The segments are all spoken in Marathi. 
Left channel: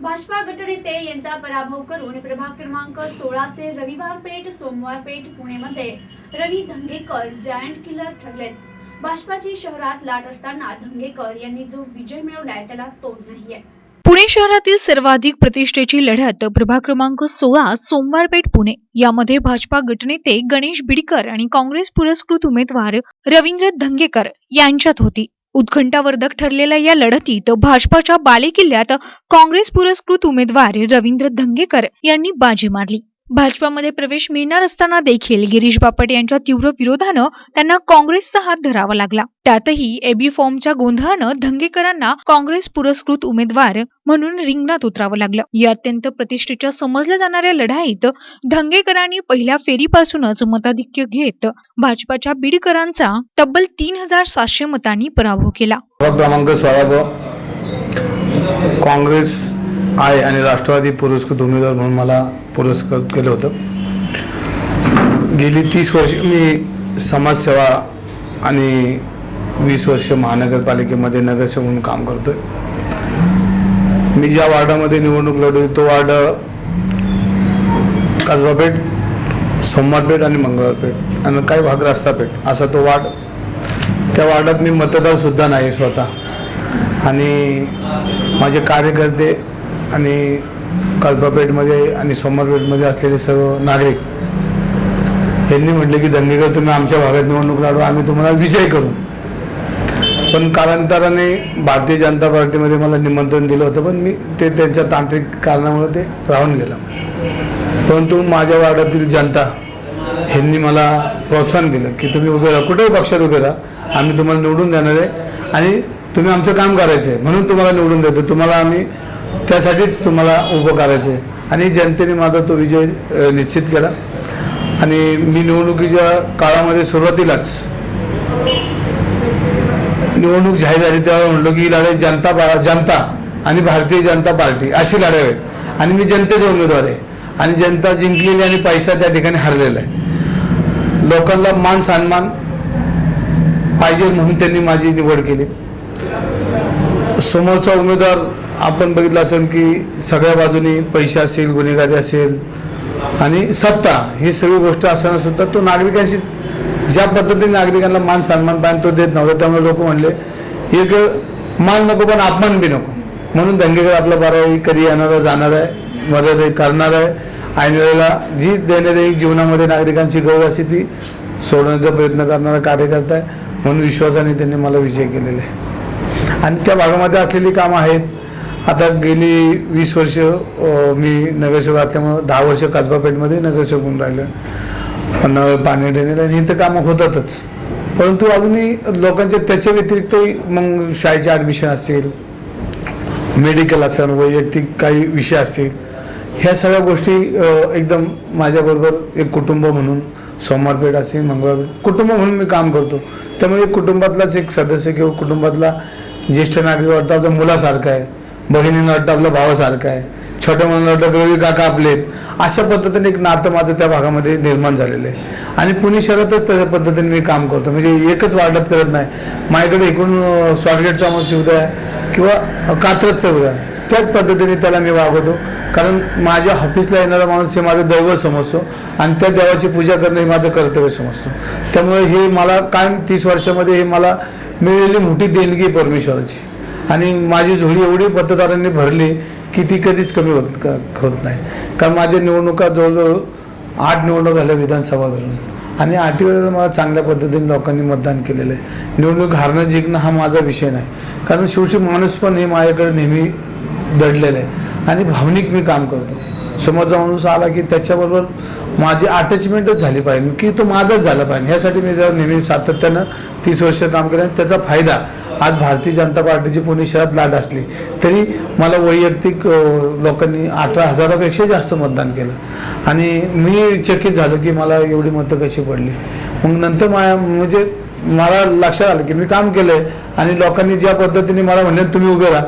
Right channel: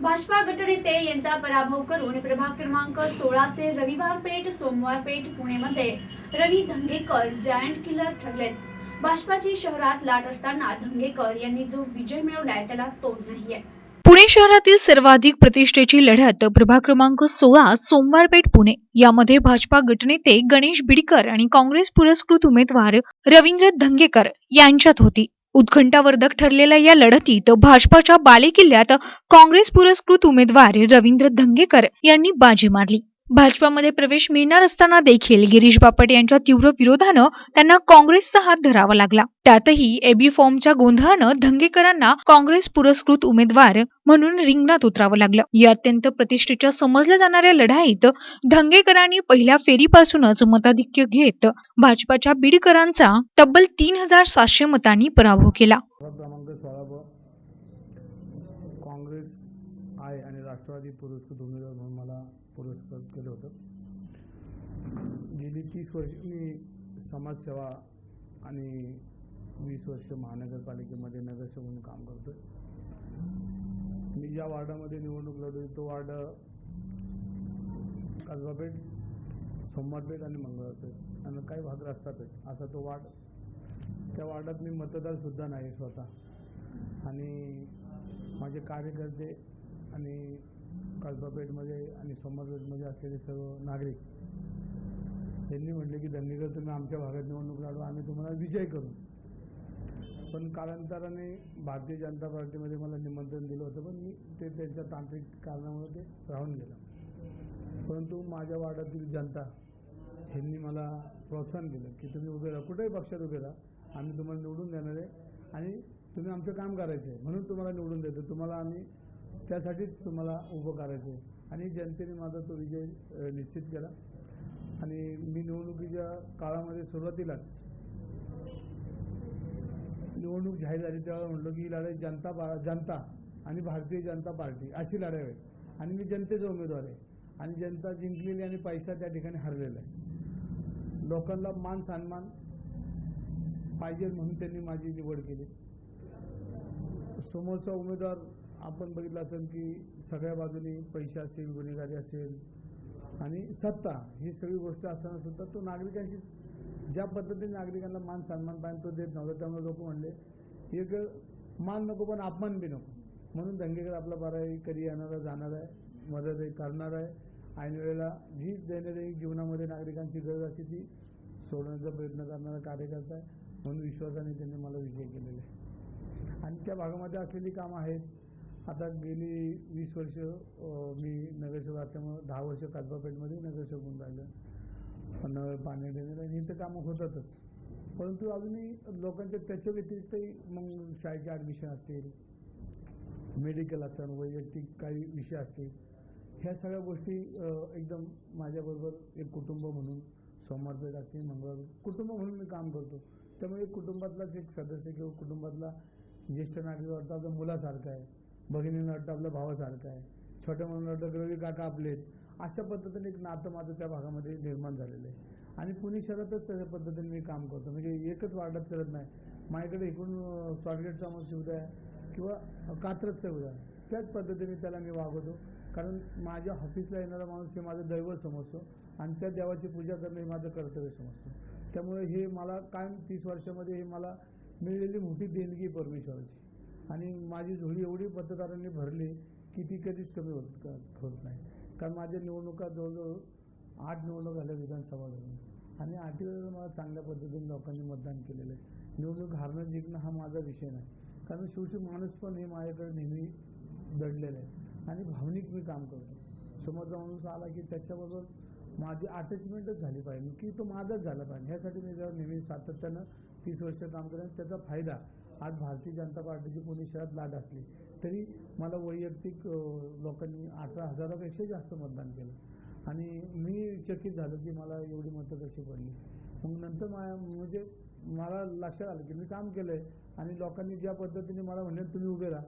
भाजपा गटनेते यांचा पराभव करून प्रभाग क्रमांक सोळाचे रविवार पेठ सोमवार पेठ पुणेमध्ये रवी धंगेकर जायंट किलर ठरलेत. भाजपाची शहरात लाट असताना धंगेकर यांनी जो विजय मिळवलाय त्याला तोड नाहीये. पुणे शहरातील सर्वाधिक प्रतिष्ठेची लढत प्रभाग क्रमांक सोळा सोमवारपेठ पुणे. यामध्ये भाजपा गटनेते गणेश बिडकर आणि काँग्रेस पुरस्कृत उमेदवार रवींद्र धंगेकर यांच्यात होती. उत्खंठावर्धक ठरलेल्या या लढतीत भाजपाच्या बालेकिल्ल्यात काँग्रेस पुरस्कृत उमेदवार रवींद्र धंगेकर यांनी बाजी मारली. भाजपामध्ये प्रवेश मिळणार असताना देखील गिरीश बापट यांच्या तीव्र विरोधानं त्यांना काँग्रेसचा हात धरावा लागला. त्यातही एबी फॉर्मच्या गोंधळानं धंगेकरांना काँग्रेस पुरस्कृत उमेदवार म्हणून रिंगणात उतरावं लागलं. या अत्यंत प्रतिष्ठेच्या समजल्या जाणाऱ्या लढाईत धंगेकरांनी पहिल्या फेरीपासूनच मताधिक्य घेत भाजपाच्या बीडकरांचा तब्बल तीन हजार सातशे मतांनी पराभव केला. क्रमांक सोळा काँग्रेस आहे आणि राष्ट्रवादी पुरस्कृत उमेदवार म्हणून मला पुरस्कृत केलं होतं. गेली तीस वर्ष मी समाजसेवा आणि वीस वर्ष महानगरपालिकेमध्ये नगरसेवक म्हणून काम करतोय. मी ज्या वार्डामध्ये निवडणूक लढवली तो वार्ड कसबापेठ सोमवारपेठ आणि मंगळवारपेठ आणि काही भाग रस्तापेठ असा तो वार्ड. त्या वार्डात मी मतदारसुद्धा नाही स्वतः. आणि माझे कार्यकर्ते आणि कल्पापेठमध्ये आणि सोमरपेठमध्ये असलेले सर्व नागरिक यांनी म्हटले की दंगेकर तुम्ही आमच्या भागात निवडणूक लढवा आम्ही तुम्हाला विजय करू. पण कालांतराने भारतीय जनता पार्टीमध्ये मला निमंत्रण दिलं होतं पण मी ते त्यांच्या तांत्रिक कारणामुळे ते राहून गेलं. परंतु माझ्या वार्डातील जनता ह्यांनी मला प्रोत्साहन दिलं की तुम्ही उभे राहा कुठेही पक्षात उभे राहा आम्ही तुम्हाला निवडून देणार आहे आणि तुम्ही आमचं काम करायचं आहे म्हणून तुम्हाला निवडून देतो तुम्हाला आम्ही त्यासाठीच तुम्हाला उभं करायचं आहे आणि जनतेने माझा तो विजय निश्चित केला. आणि मी निवडणुकीच्या काळामध्ये सुरुवातीलाच निवडणूक जाहीर झाली तेव्हा म्हणलो की ही लढाई जनता जनता आणि भारतीय जनता पार्टी अशी लढाई आहे आणि मी जनतेचा उमेदवार आहे. आणि जनता जिंकलेली आणि पैसा त्या ठिकाणी हरलेला आहे. लोकांना मान सन्मान पाहिजे म्हणून त्यांनी माझी निवड केली. समोरचा उमेदवार आपण बघितलं असेल की सगळ्या बाजूनी पैसे असेल गुन्हेगारी असेल आणि सत्ता ही सगळी गोष्ट असताना सुद्धा तो नागरिकांशी ज्या पद्धतीने नागरिकांना मान सन्मान पाहिजे तो देत नव्हता त्यामुळे लोक म्हणले एक मान नको पण अपमान बी नको. म्हणून दंगेकर आपला बारा कधी येणार आहे जाणार आहे मदत करणार आहे. ऐनवेळेला जी दैनंदिन जीवनामध्ये नागरिकांची गरज असते ती सोडवण्याचा प्रयत्न करणारा कार्यकर्ता आहे. म्हणून विश्वासाने त्यांनी मला विजय केलेला आहे. आणि त्या भागामध्ये असलेली कामं आहेत आता गेली वीस वर्ष मी नगरसेवक असल्यामुळं दहा वर्ष कसबापेठमध्ये नगरसेवक होऊन राहिलं. नळ पाणी ड्रेनेज आणि इथं कामं होतातच. परंतु अजूनही लोकांच्या त्याच्या व्यतिरिक्तही मग शाळेचे ॲडमिशन असतील मेडिकल असेल वैयक्तिक काही विषय असतील ह्या सगळ्या गोष्टी एकदम माझ्याबरोबर एक कुटुंब म्हणून सोमवारपेठ असेल मंगळवारपेठ कुटुंब म्हणून मी काम करतो. त्यामुळे एक कुटुंबातलाच एक सदस्य किंवा कुटुंबातला ज्येष्ठ नागरिक वाटतं आपल्या मुलासारखा आहे. बहिणीनं वाटतं आपला भावासारखं आहे. छोट्या मुलांना वाटतं रवी काका आपलेत. अशा पद्धतीने एक नातं माझं त्या भागामध्ये निर्माण झालेलं आहे. आणि पुणे शहरातच तशा पद्धतीने मी काम करतो. म्हणजे एकच वाटप करत नाही. माझ्याकडे एकूण स्वारगेट स्वारगेटचा सुविधा आहे किंवा कात्रज सुविधा आहे त्याच पद्धतीने त्याला मी वागवतो. कारण माझ्या ऑफिसला येणारा माणूस हे माझं दैव समजतो आणि त्या देवाची पूजा करणं हे माझं कर्तव्य समजतो. त्यामुळे हे मला कायम तीस वर्षामध्ये हे मला मिळालेली मोठी देणगी परमेश्वराची. आणि माझी झोळी एवढी मतदारांनी भरली की ती कधीच कमी होत होत नाही. कारण माझ्या निवडणुका जवळजवळ आठ निवडणूक झाल्या विधानसभा धरून. आणि आठही वेळेला मला चांगल्या पद्धतीने लोकांनी मतदान केलेलं आहे. निवडणूक हारणं जिंकणं हा माझा विषय नाही. कारण शेवटी माणूस पण हे माझ्याकडे नेहमी दडलेलं आहे. आणि भावनिक मी काम करतो. समोरचा माणूस आला की त्याच्याबरोबर माझी अटॅचमेंटच झाली पाहिजे. की तो माझाच झाला पाहिजे. ह्यासाठी मी त्यावर नेहमी सातत्यानं तीस वर्ष काम केलं आणि त्याचा फायदा आज भारतीय जनता पार्टीची पुणे शहरात लाट असली तरी मला वैयक्तिक लोकांनी अठरा हजारापेक्षा जास्त मतदान केलं. आणि मी चकित झालो की मला एवढी मतं कशी पडली. मग नंतर माझ्या म्हणजे मला लक्षात आलं की मी काम केलं आहे आणि लोकांनी ज्या पद्धतीने मला म्हणले तुम्ही उभे राहा.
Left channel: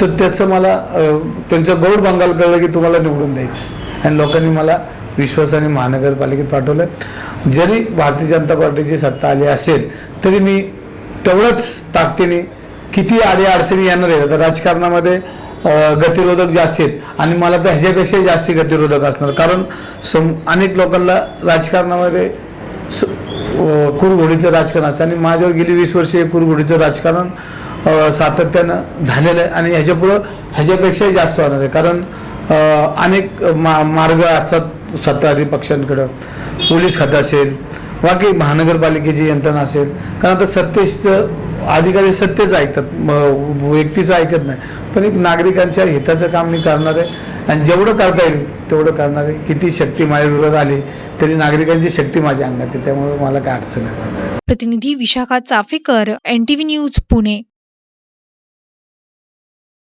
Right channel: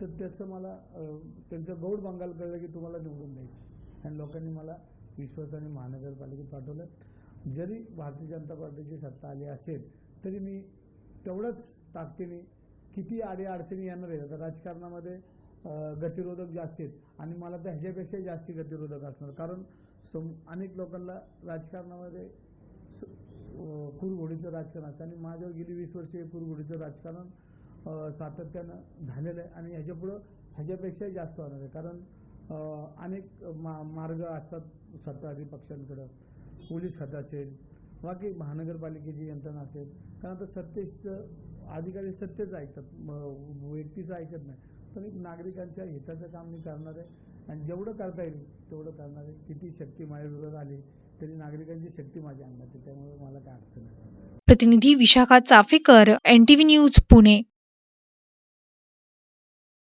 तर त्याचं मला त्यांचं गौड बंगाल कळलं की तुम्हाला निवडून द्यायचं आणि लोकांनी मला विश्वासाने महानगरपालिकेत पाठवलं. जरी भारतीय जनता पार्टीची सत्ता आली असेल तरी मी तेवढंच ताकदीने किती आडी अडचणी येणार आहेत? आता राजकारणामध्ये गतिरोधक जास्त आहेत आणि मला तर ह्याच्यापेक्षाही जास्त गतिरोधक असणार. कारण सम अनेक लोकांना राजकारणामध्ये स- कुरघोडीचं राजकारण असतं आणि माझ्यावर गेली वीस वर्षे कुरघोडीचं राजकारण सातत्यानं झालेलं आहे आणि ह्याच्यापुढं ह्याच्यापेक्षाही जास्त होणार आहे. कारण अनेक मा मार्ग असतात सत्ताधारी पक्षांकडं. पोलीस खातं असेल बाकी महानगरपालिकेची यंत्रणा असेल. कारण आता सत्तेचं अधिकारी सत्तेच ऐकतात. व्यक्तीचं ऐकत नाही. पण एक नागरिकांच्या हिताचं काम मी करणार आहे. आणि जेवढं करता येईल तेवढं करणार आहे. किती शक्ती माझ्या विरोधात आली तरी नागरिकांची शक्ती माझ्या अंगात आहे. त्यामुळे मला काय अडचण आहे प्रतिनिधी विशाखा चाफेकर एन न्यूज पुणे.